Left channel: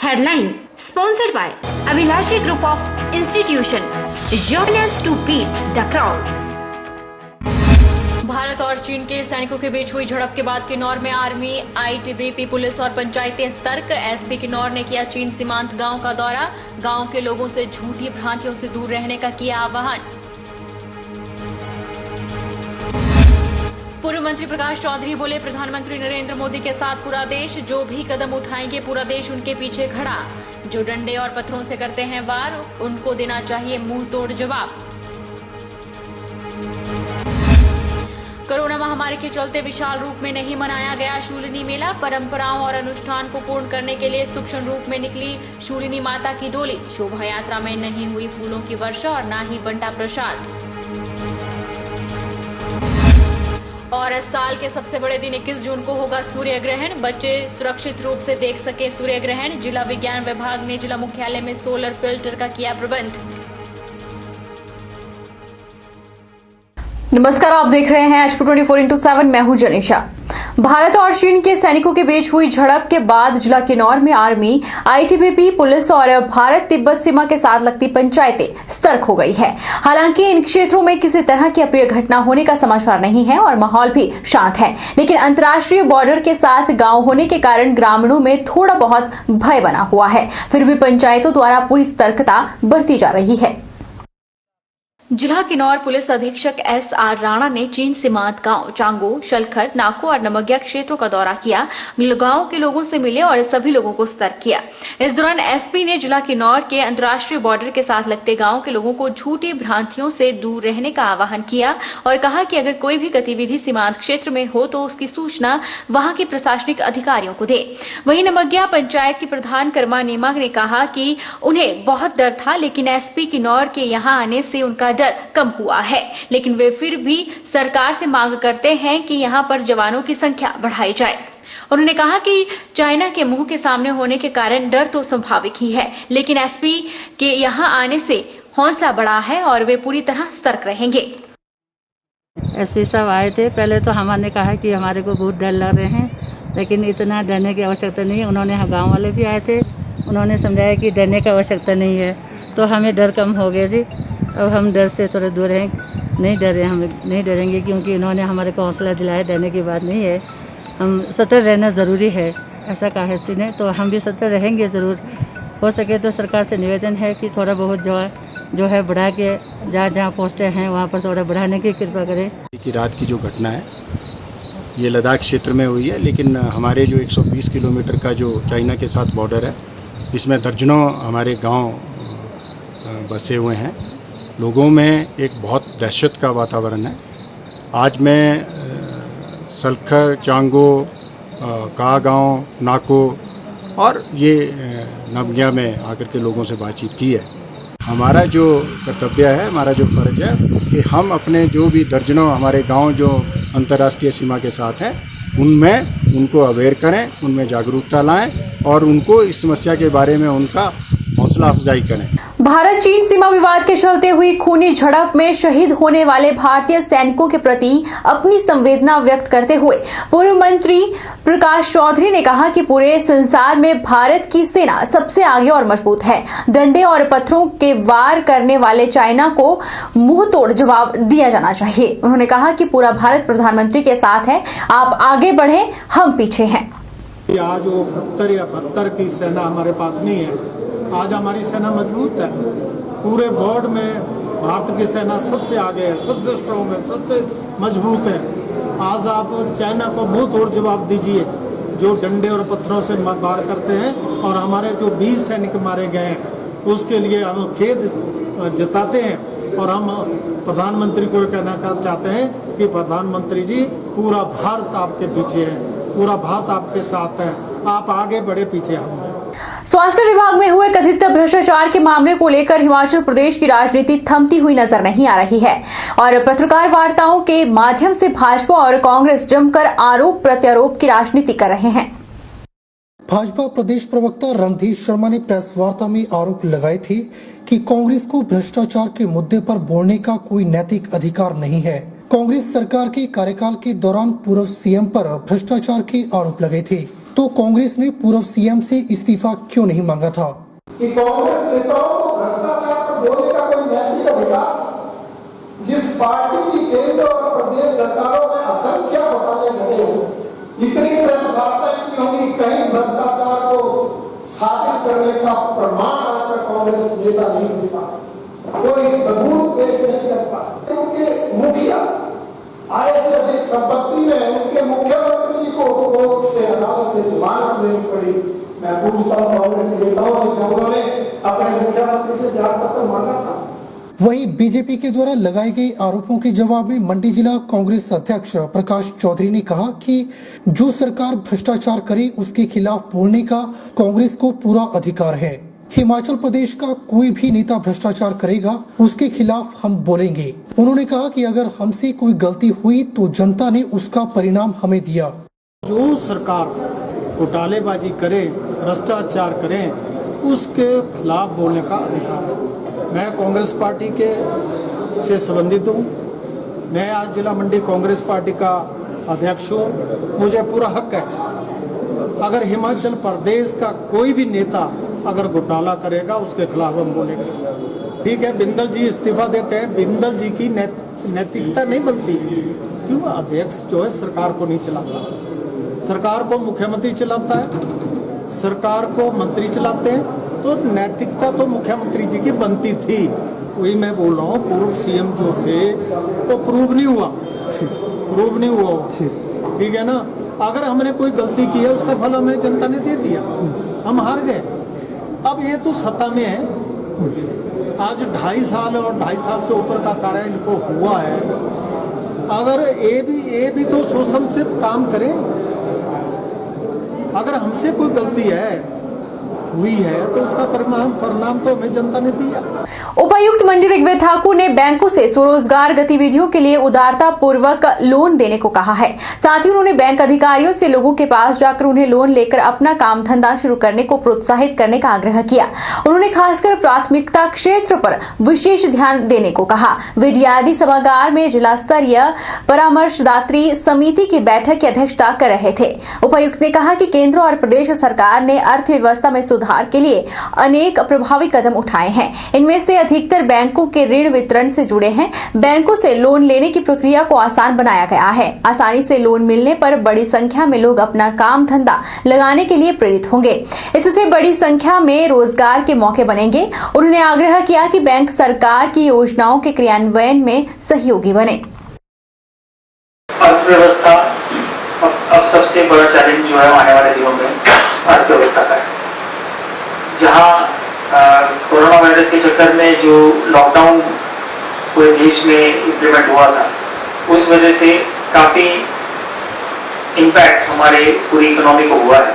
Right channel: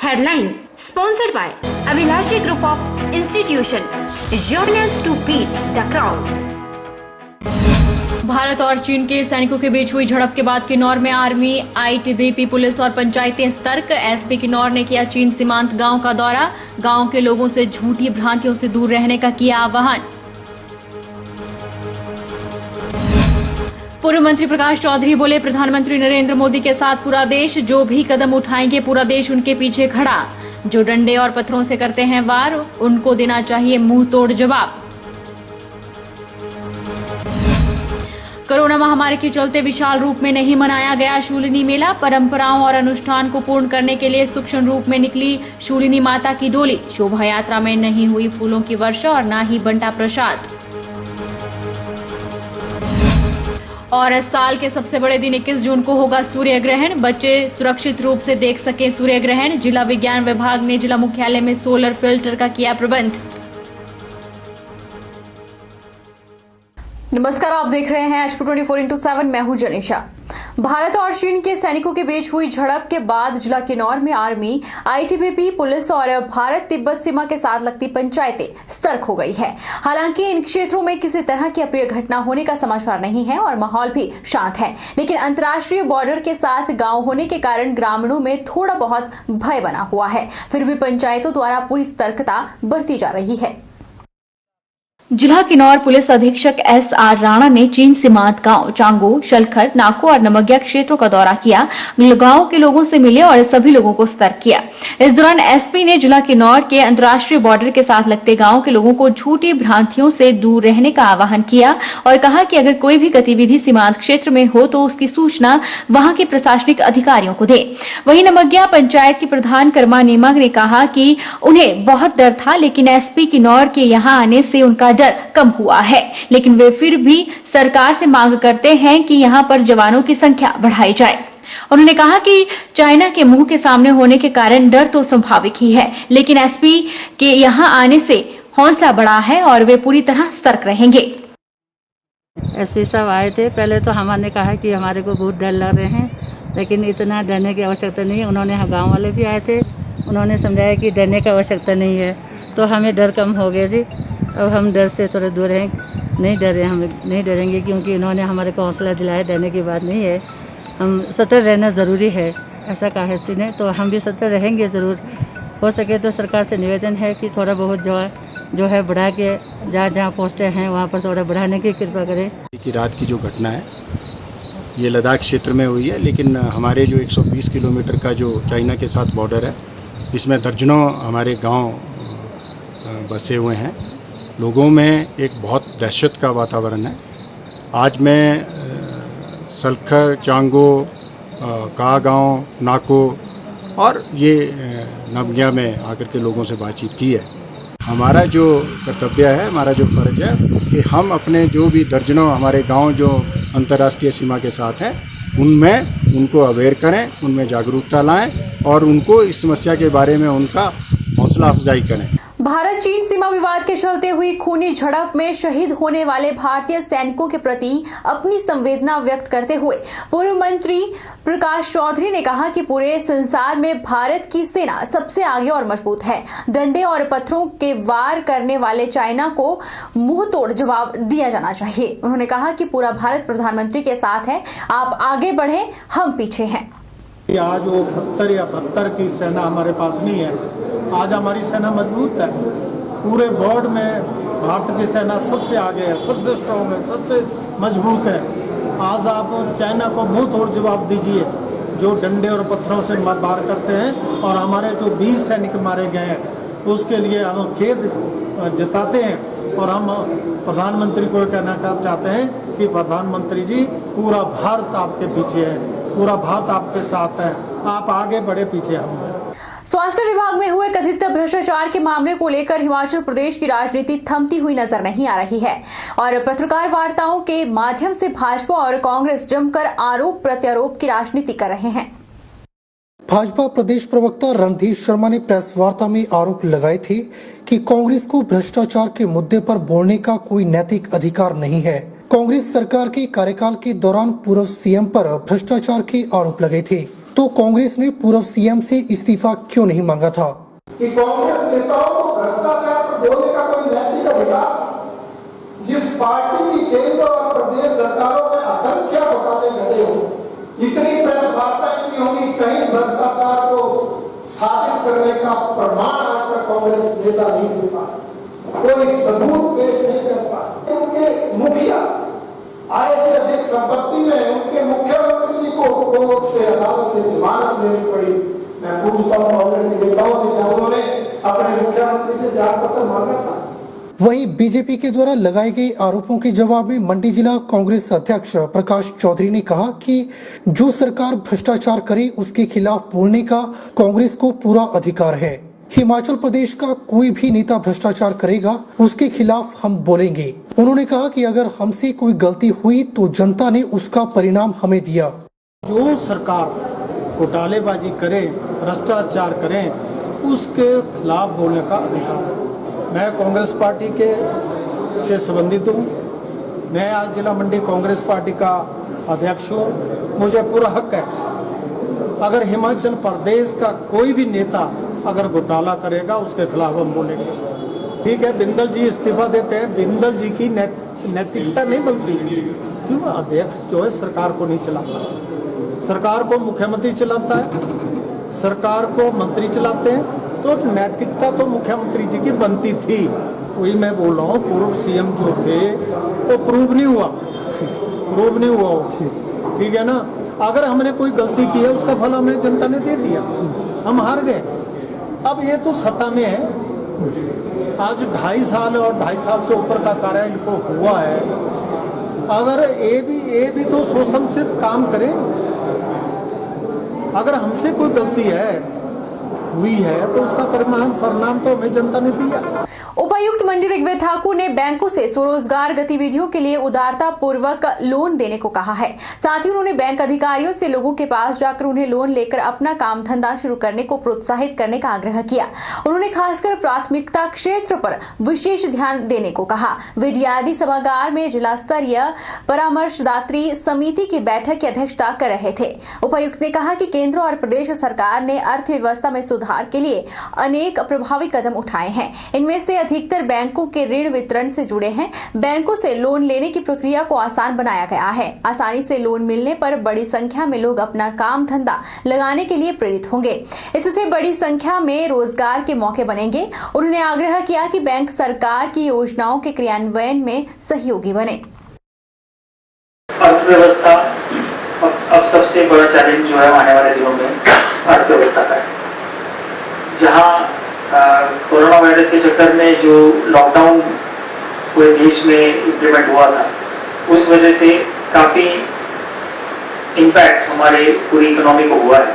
Headline sponsored by Abhilashi Group of Institution. Join us to beat the crowd. Bharat और चीन के सैनिकों के बीच हुई झड़प के बाद किन्नौर में आर्मी, आईटीबीपी, पुलिस और पंचायतें सतर्क। एसपी किन्नौर ने किया चीन सीमांत गांव का दौरा। गांव के लोगों से झूठी भ्रांतियों से दूर रहने का किया आह्वान। पूर्व मंत्री प्रकाश चौधरी बोले, प्रधानमंत्री नरेंद्र मोदी के साथ पूरा देश, जो भी कदम उठाएंगे पूरा देश उनके पीछे खड़ा। जो डंडे और पत्थरों से करते हैं वार, उनको देना चाहिए मुंह तोड़ जवाब। कोरोना महामारी के चलते विशाल रूप में नहीं मनाया गया शूलिनी मेला। परंपराओं और अनुष्ठान को पूर्ण करने के लिए सूक्ष्म रूप में निकली शूलिनी माता की डोली। शोभा यात्रा में नहीं हुई फूलों की वर्षा और न ही बंटा प्रसाद। और इस साल के सबसे बड़े दिन 21 जून को होगा सूर्य ग्रहण। बच्चे सुरक्षित रूप से देख सके सूर्य ग्रहण। जिला विज्ञान विभाग ने जिला मुख्यालय में सोलर फिल्टर का किया प्रबंध। नमस्कार, आप देख रहे हैं एचपी 24x7। मैं हूं जनिशा। भारत और चीन के सैनिकों के बीच हुई झड़प के बाद जिला किन्नौर में आर्मी, आईटीबीपी, पुलिस और भारत तिब्बत सीमा के साथ लगती पंचायतें सतर्क हो गई है। हालांकि इन क्षेत्रों में किसी तरह की अप्रिय घटना होने का समाचार नहीं है और माहौल भी शांत है, लेकिन अंतर्राष्ट्रीय बॉर्डर के साथ गांव होने के कारण ग्रामीणों में थोड़ा बहुत भय बना हुआ है। फिर भी पंचायतों द्वारा पूरी सतर्कता बरती जा रही है। जिला किन्नौर पुलिस अधीक्षक एस.आर. राणा ने चीन सीमांत गांव चांगो, शलखर, नाको और नमग्या क्षेत्रों का दौरा किया। गांव के लोगों से मिले और सभी लोगों को सतर्क किया। इस दौरान एसपी ने जिला किन्नौर के अंतर्राष्ट्रीय बॉर्डर के साथ लगते गांव के लोगों को झूठी भ्रांतियों से दूर रहने का आह्वान किया और कहा कि अगर कोई भी गतिविधि सीमांत क्षेत्र में हो तो उसकी सूचना वहां के प्रशासनिक अधिकारियों को दे। वहीं नमग्या पंचायत की प्रधान कर्मा नेमा ने कहा कि उन्हें बहुत डर था, लेकिन एसपी किन्नौर के यहाँ आने से उनका डर कम हुआ है, लेकिन वे फिर भी सरकार से मांग करते हैं कि यहां पर जवानों की संख्या बढ़ाई जाए। उन्होंने कहा कि चाइना के मुंह के सामने होने के कारण डर तो स्वाभाविक ही है, लेकिन एसपी के यहां आने से हौसला बढ़ा है और वे पूरी तरह सतर्क रहेंगे। एसपी साहब आए थे। पहले तो हमने कहा कि हमारे को बहुत डर लग रहे हैं, लेकिन इतना डरने की आवश्यकता नहीं है। उन्होंने गाँव वाले भी आए थे, उन्होंने समझाया कि डरने की आवश्यकता नहीं है, तो हमें डर कम हो गया जी। अब हम डर से थोड़े दूर हैं, नहीं डरे, हम नहीं डरेंगे क्योंकि इन्होंने हमारे को हौसला दिलाया। डरने की बात नहीं है, हम सतर्क रहना ज़रूरी है, ऐसा कहा है एसपी ने, तो हम भी सतर्क रहेंगे ज़रूर। हो सके तो सरकार से निवेदन है कि थोड़ा बहुत जो है बढ़ा के जहाँ पोस्टें हैं वहाँ पर थोड़ा बढ़ाने की कृपा करें। कि रात की जो घटना है ये लद्दाख क्षेत्र में हुई है, लेकिन हमारे जो 120 किलोमीटर का जो चाइना के साथ बॉर्डर है, इसमें दर्जनों हमारे गांव बसे हुए हैं। लोगों में एक बहुत दहशत का वातावरण है। आज मैं सलखर, चांगो, का गाँव, नाको और ये नमग्या में आकर के लोगों से बातचीत की है। हमारा जो कर्तव्य है, हमारा जो फर्ज है कि हम अपने जो भी दर्जनों हमारे गांव जो अंतर्राष्ट्रीय सीमा के साथ हैं उनमें उनको अवेयर करें, उनमें जागरूकता लाएं और उनको इस समस्या के बारे में उनका हौसला अफजाई करें। भारत चीन सीमा विवाद के चलते हुई खूनी झड़प में शहीद होने वाले भारतीय सैनिकों के प्रति अपनी संवेदना व्यक्त करते हुए पूर्व मंत्री प्रकाश चौधरी ने कहा कि पूरे संसार में भारत की सेना सबसे आगे और मजबूत है। डंडे और पत्थरों के वार करने वाले चाइना को मुंह तोड़ जवाब दिया जाना चाहिए। उन्होंने कहा कि पूरा भारत प्रधानमंत्री के साथ है, आप आगे बढ़े, हम पीछे हैं। आज वो 72 या 72 की सेना हमारे पास नहीं है। आज हमारी सेना मजबूत है। पूरे वर्ल्ड में भारत की सेना सबसे आगे है, सबसे स्ट्रॉन्ग है, सबसे मजबूत है। आज आप चाइना को मुंह तोड़ जवाब दीजिए जो डंडे और पत्थरों से वार करते हैं, और हमारे जो 20 सैनिक मारे गए हैं उसके लिए हम खेद जताते हैं। और हम प्रधानमंत्री को कहना चाहते हैं कि प्रधानमंत्री जी, पूरा भारत आपके पीछे है, पूरा भारत आपके साथ है, आप आगे बढ़े, पीछे हम हैं। स्वास्थ्य विभाग में हुए कथित भ्रष्टाचार के मामले को लेकर हिमाचल प्रदेश की राजनीति थमती हुई नजर नहीं आ रही है और पत्रकार वार्ताओं के माध्यम से भाजपा और कांग्रेस जमकर आरोप प्रत्यारोप की राजनीति कर रहे हैं। भाजपा प्रदेश प्रवक्ता रणधीर शर्मा ने प्रेस वार्ता में आरोप लगाए थे कि कांग्रेस को भ्रष्टाचार के मुद्दे पर बोलने का कोई नैतिक अधिकार नहीं है। कांग्रेस सरकार के कार्यकाल के दौरान पूर्व सीएम पर भ्रष्टाचार के आरोप लगे थे। तो कांग्रेस ने पूर्व सीएम से इस्तीफा क्यों नहीं मांगा था। कि कांग्रेस नेताओं को भ्रष्टाचार पर बोलने का कोई नैतिक अधिकार, जिस पार्टी की केंद्र और प्रदेश सरकारों में असंख्य घोटाले घटे हो, इतनी प्रेस वार्ताएं की होंगी, कहीं भ्रष्टाचार को साबित करने का प्रमाण आज तक कांग्रेस नेता नहीं दे पाए, कोई सबूत पेश नहीं कर पाए। उनके मुखिया आय से अधिक संपत्ति में उनके मुख्यमंत्री जी को कोर्ट से, अदालत से जमानत लेनी पड़ी। मैं पूछता हूँ कांग्रेस नेताओं से, क्या उन्होंने अपने मुख्यमंत्री से जांच पत्र मांगा था? वहीं बीजेपी के द्वारा लगाए गए आरोपों के जवाब में मंडी जिला कांग्रेस अध्यक्ष प्रकाश चौधरी ने कहा कि जो सरकार भ्रष्टाचार करे उसके खिलाफ बोलने का कांग्रेस को पूरा अधिकार है। हिमाचल प्रदेश का कोई भी नेता भ्रष्टाचार करेगा उसके खिलाफ हम बोलेंगे। उन्होंने कहा कि अगर हमसे कोई गलती हुई तो जनता ने उसका परिणाम हमें दिया। जो सरकार घोटालेबाजी करे, भ्रष्टाचार करे, उसके खिलाफ बोलने का अधिकार है। मैं कांग्रेस पार्टी के से संबंधित हूँ। मैं आज जिला मंडी कांग्रेस पार्टी का अध्यक्ष हूँ। मुझे पूरा हक है, अगर हिमाचल प्रदेश का कोई भी नेता अगर घोटाला करेगा उसके खिलाफ हम बोलेंगे। ठीक है, बिंदल जी इस्तीफा देते हैं, बिंदल जी की नैतिकता नहीं बनती, क्यों? अध्यक्ष जो है सरकार को नहीं चलाता, सरकार को मुख्यमंत्री चलाता है, सरकार को मंत्री चलाते हैं, तो नैतिकता तो मुख्यमंत्री जी की बनती थी। वही मैं बोल रहा हूँ, पूर्व सीएम जो थे वो प्रूव नहीं हुआ, ठीक है ना। अगर हमने कोई गलती की है उसका फल हमें जनता ने दे दिया, हम हार गए। अब ये तो सत्ता में है, आज 2.5 साल और 2.5 साल से ऊपर का कार्य इनको हुआ है। अगर ये भी तो सोच समझ से काम करें। अगर हमसे कोई गलती हुई है तो उसका परिणाम तो हमें जनता ने दिया। उपायुक्त मंडी ऋग्वेद ठाकुर ने बैंकों से स्वरोजगार गतिविधियों के लिए उदारता पूर्वक लोन देने को कहा है। साथ ही उन्होंने बैंक अधिकारियों से लोगों के पास जाकर उन्हें लोन लेकर अपना काम धंधा शुरू करने को प्रोत्साहित करने का आग्रह किया। उन्होंने खासकर प्राथमिकता क्षेत्र पर विशेष ध्यान देने को कहा। वे डीआरडी सभागार में जिला स्तरीय परामर्शदात्री समिति की बैठक की अध्यक्षता कर रहे थे। उपायुक्त ने कहा कि केंद्र और प्रदेश सरकार ने अर्थव्यवस्था में सुधार के लिए अनेक प्रभावी कदम उठाए हैं। इनमें से अधिकतर बैंकों के ऋण वितरण से जुड़े हैं। बैंकों से लोन लेने की प्रक्रिया को आसान बनाया गया है। आसानी से लोन मिलने पर बड़ी संख्या में लोग अपना काम धंधा लगाने के लिए प्रेरित होंगे। इससे बड़ी संख्या में रोजगार के मौके बनेंगे। उन्होंने आग्रह किया कि बैंक सरकार की योजनाओं के क्रियान्वयन में सहयोगी बने। अर्थव्यवस्था अब सबसे बड़ा चैलेंज जो है आने वाले दिनों में अर्थव्यवस्था का है। जहां कोरोना वायरस के चक्कर में जो लॉकडाउन पूरे देश में इम्प्लीमेंट हुआ था, उस वजह से काफ़ी इम्पैक्ट हमारे पूरी इकोनॉमी को हुआ है।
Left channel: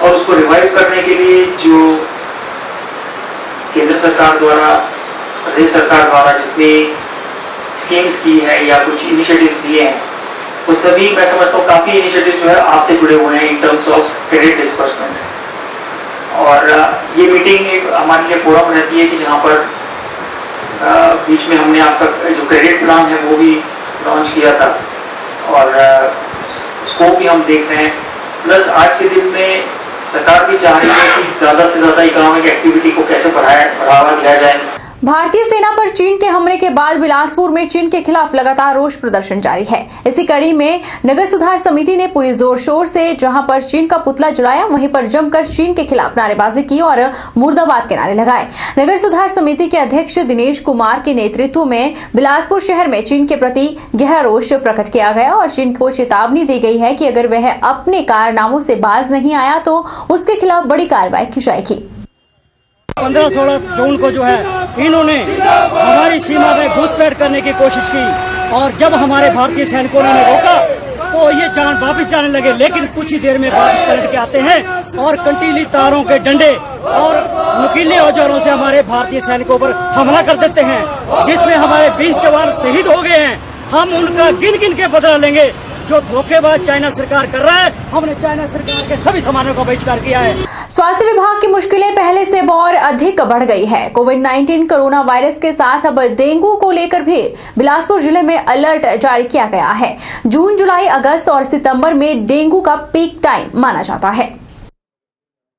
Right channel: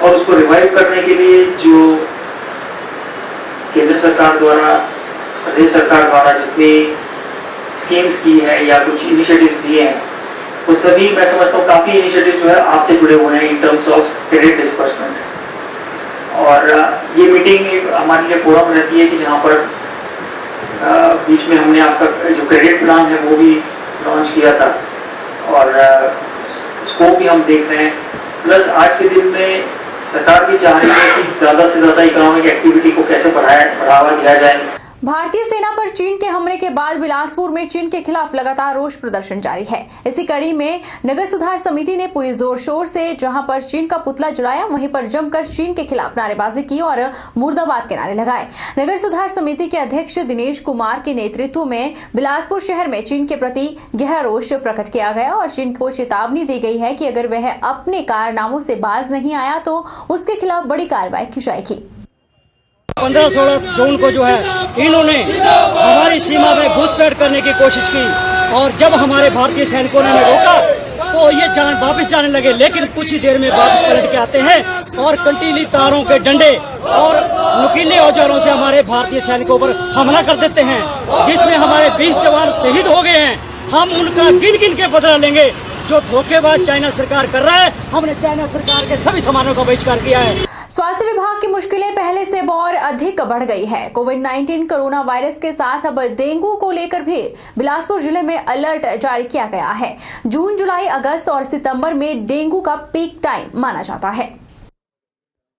और उसको रिवाइव करने के लिए जो केंद्र सरकार द्वारा, प्रदेश सरकार द्वारा जितनी स्कीम्स की है या कुछ इनिशिएटिव्स लिए हैं, वो सभी मैं समझता हूँ काफ़ी इनिशिएटिव्स जो है आपसे जुड़े हुए हैं in terms of credit disbursement. और ये मीटिंग हमारे लिए फोरम रहती है कि जहाँ पर बीच में हमने आपका जो क्रेडिट प्लान है वो भी लॉन्च किया था और उसको भी हम देख रहे हैं। प्लस आज के दिन में सरकार भी चाह रही है कि ज़्यादा से ज़्यादा इकोनॉमिक एक्टिविटी को कैसे बढ़ावा दिया जाए। भारतीय सेना पर चीन के हमले के बाद बिलासपुर में चीन के खिलाफ लगातार रोष प्रदर्शन जारी है। इसी कड़ी में नगर सुधार समिति ने पूरी जोर शोर से जहां पर चीन का पुतला जलाया, वहीं पर जमकर चीन के खिलाफ नारेबाजी की और मुर्दाबाद के नारे लगाए। नगर सुधार समिति के अध्यक्ष दिनेश कुमार के नेतृत्व में बिलासपुर शहर में चीन के प्रति गहरा रोष प्रकट किया गया और चीन को चेतावनी दी गई है कि अगर वह अपने कारनामों से बाज नहीं आया तो उसके खिलाफ बड़ी कार्रवाई की जाएगी। 15-16 जून को जो है इन्होंने हमारी सीमा में घुसपैठ करने की कोशिश की और जब हमारे भारतीय सैनिकों ने रोका तो ये वापस जाने लगे, लेकिन कुछ ही देर में वापस पलट के आते हैं और कंटीली तारों के डंडे और नुकीले औजारों से हमारे भारतीय सैनिकों पर हमला कर देते हैं, जिसमें हमारे 20 जवान शहीद हो गए हैं। हम उनका गिन गिन के बदला लेंगे। जो धोखेबाज चाइना सरकार कर रहा है, हमने चाइना सरकार के सभी सामानों का बहिष्कार किया है। स्वास्थ्य विभाग की मुश्किलें पहले से और अधिक अधिक बढ़ गई है। कोविड-19 कोरोना वायरस के साथ अब डेंगू को लेकर भी बिलासपुर जिले में अलर्ट जारी किया गया है। जून, जुलाई, अगस्त और सितंबर में डेंगू का पीक टाइम माना जाता है।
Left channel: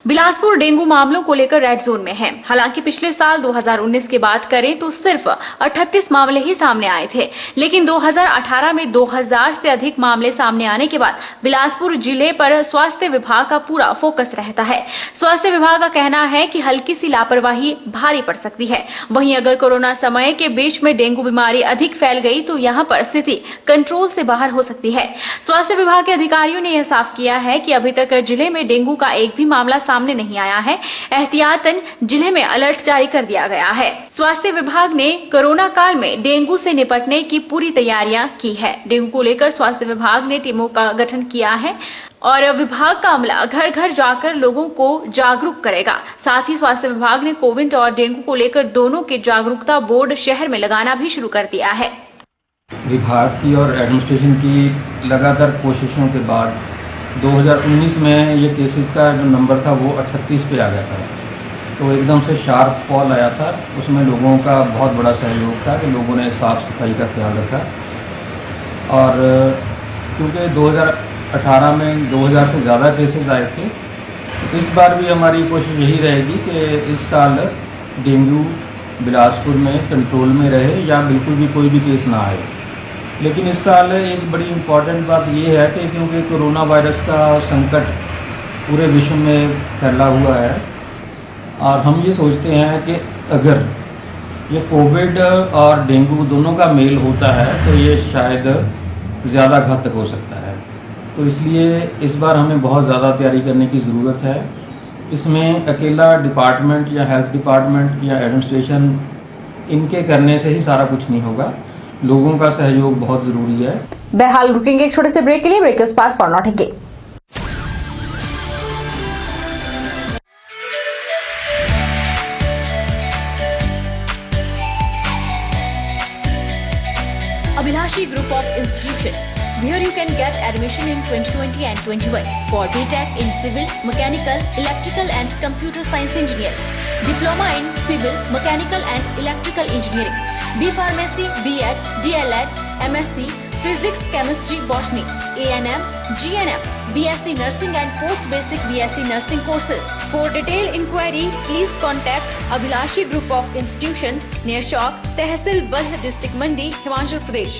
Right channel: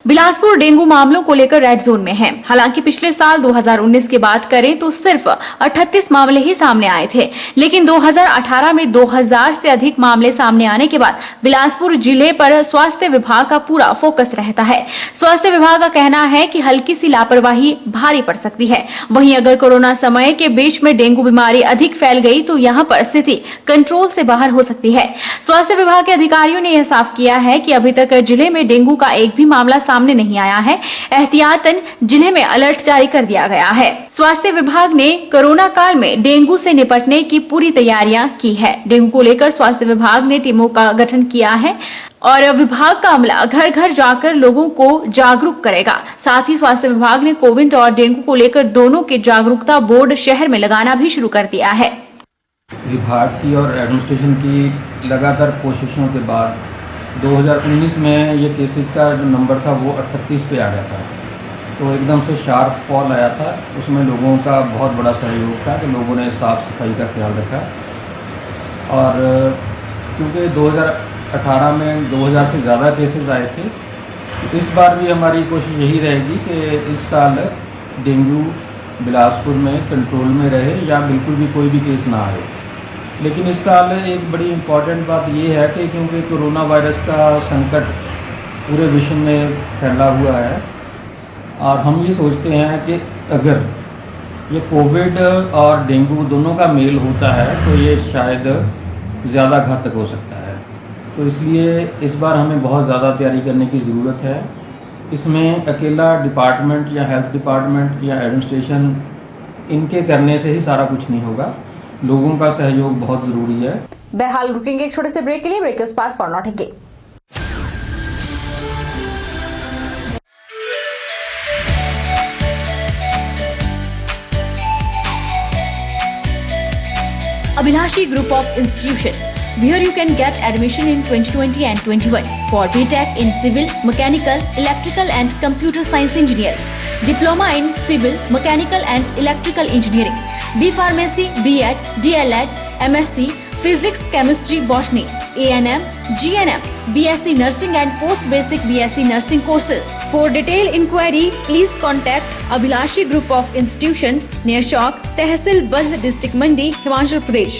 बिलासपुर डेंगू मामलों को लेकर रेड जोन में है। हालांकि पिछले साल 2019 की बात करें तो सिर्फ 38 मामले ही सामने आए थे, लेकिन 2018 में 2000 से अधिक मामले सामने आने के बाद बिलासपुर जिले पर स्वास्थ्य विभाग का पूरा फोकस रहता है। स्वास्थ्य विभाग का कहना है कि हल्की सी लापरवाही भारी पड़ सकती है। वहीं अगर कोरोना समय के बीच में डेंगू बीमारी अधिक फैल गई तो यहाँ पर स्थिति कंट्रोल से बाहर हो सकती है। स्वास्थ्य विभाग के अधिकारियों ने यह साफ किया है कि अभी तक जिले में डेंगू का एक भी मामला सामने नहीं आया है। एहतियातन जिले में अलर्ट जारी कर दिया गया है। स्वास्थ्य विभाग ने कोरोना काल में डेंगू से निपटने की पूरी तैयारियां की है। डेंगू को लेकर स्वास्थ्य विभाग ने टीमों का गठन किया है और विभाग का अमला घर घर जाकर लोगों को जागरूक करेगा। साथ ही स्वास्थ्य विभाग ने कोविड और डेंगू को लेकर दोनों के जागरूकता बोर्ड शहर में लगाना भी शुरू कर दिया है। विभाग की और एडमिनिस्ट्रेशन की लगातार कोशिशों के बाद 2019 में ये केसेस का जो नंबर था वो 38 पे आ गया था, तो एकदम से शार्प फॉल आया था। उसमें लोगों का बहुत बड़ा सहयोग था कि लोगों ने साफ़ सफाई का ख्याल रखा। और क्योंकि 2018 में 2000 से ज़्यादा केसेस आए थे, तो इस बार भी हमारी कोशिश यही रहेगी कि इस साल डेंगू बिलासपुर में कंट्रोल में रहे या बिल्कुल भी कोई भी केस ना आए। लेकिन इस साल एक बड़ी इम्पॉर्टेंट बात ये है कि क्योंकि कोरोना वायरस का संकट पूरे विश्व में फैला हुआ है और हम ये सोचते हैं कि अगर ये कोविड और डेंगू दोनों का मेल होता है तो ये शायद ज़्यादा घातक हो सकता है। तो इसलिए इस बार हमें बहुत ज़्यादा तैयारी करने की ज़रूरत है। इसमें अकेला डिपार्टमेंट या हेल्थ डिपार्टमेंट या एडमिनिस्ट्रेशन इनके करने से ही सारा कुछ नहीं होगा, लोगों का सहयोग बहुत जरूरी है। बहरहाल रुकेंगे एक छोटे से ब्रेक के लिए। ब्रेक के उस पार फॉर लौटेंगे। Abhilashi Group of Institution, where you can get admission in 2020 and 21 for BTech in Civil, Mechanical, Electrical and Computer Science Engineering, Diploma in Civil, Mechanical and Electrical Engineering, B Pharmacy, B.Ed, D.L.Ed, MSc, Physics, Chemistry, Botany, A&M, GNM, BSc Nursing and Post Basic BSc Nursing courses. For detailed inquiry, please contact Abhilashi Group of Institutions near Chowk, Tehsil Balh, District Mandi, Himachal Pradesh.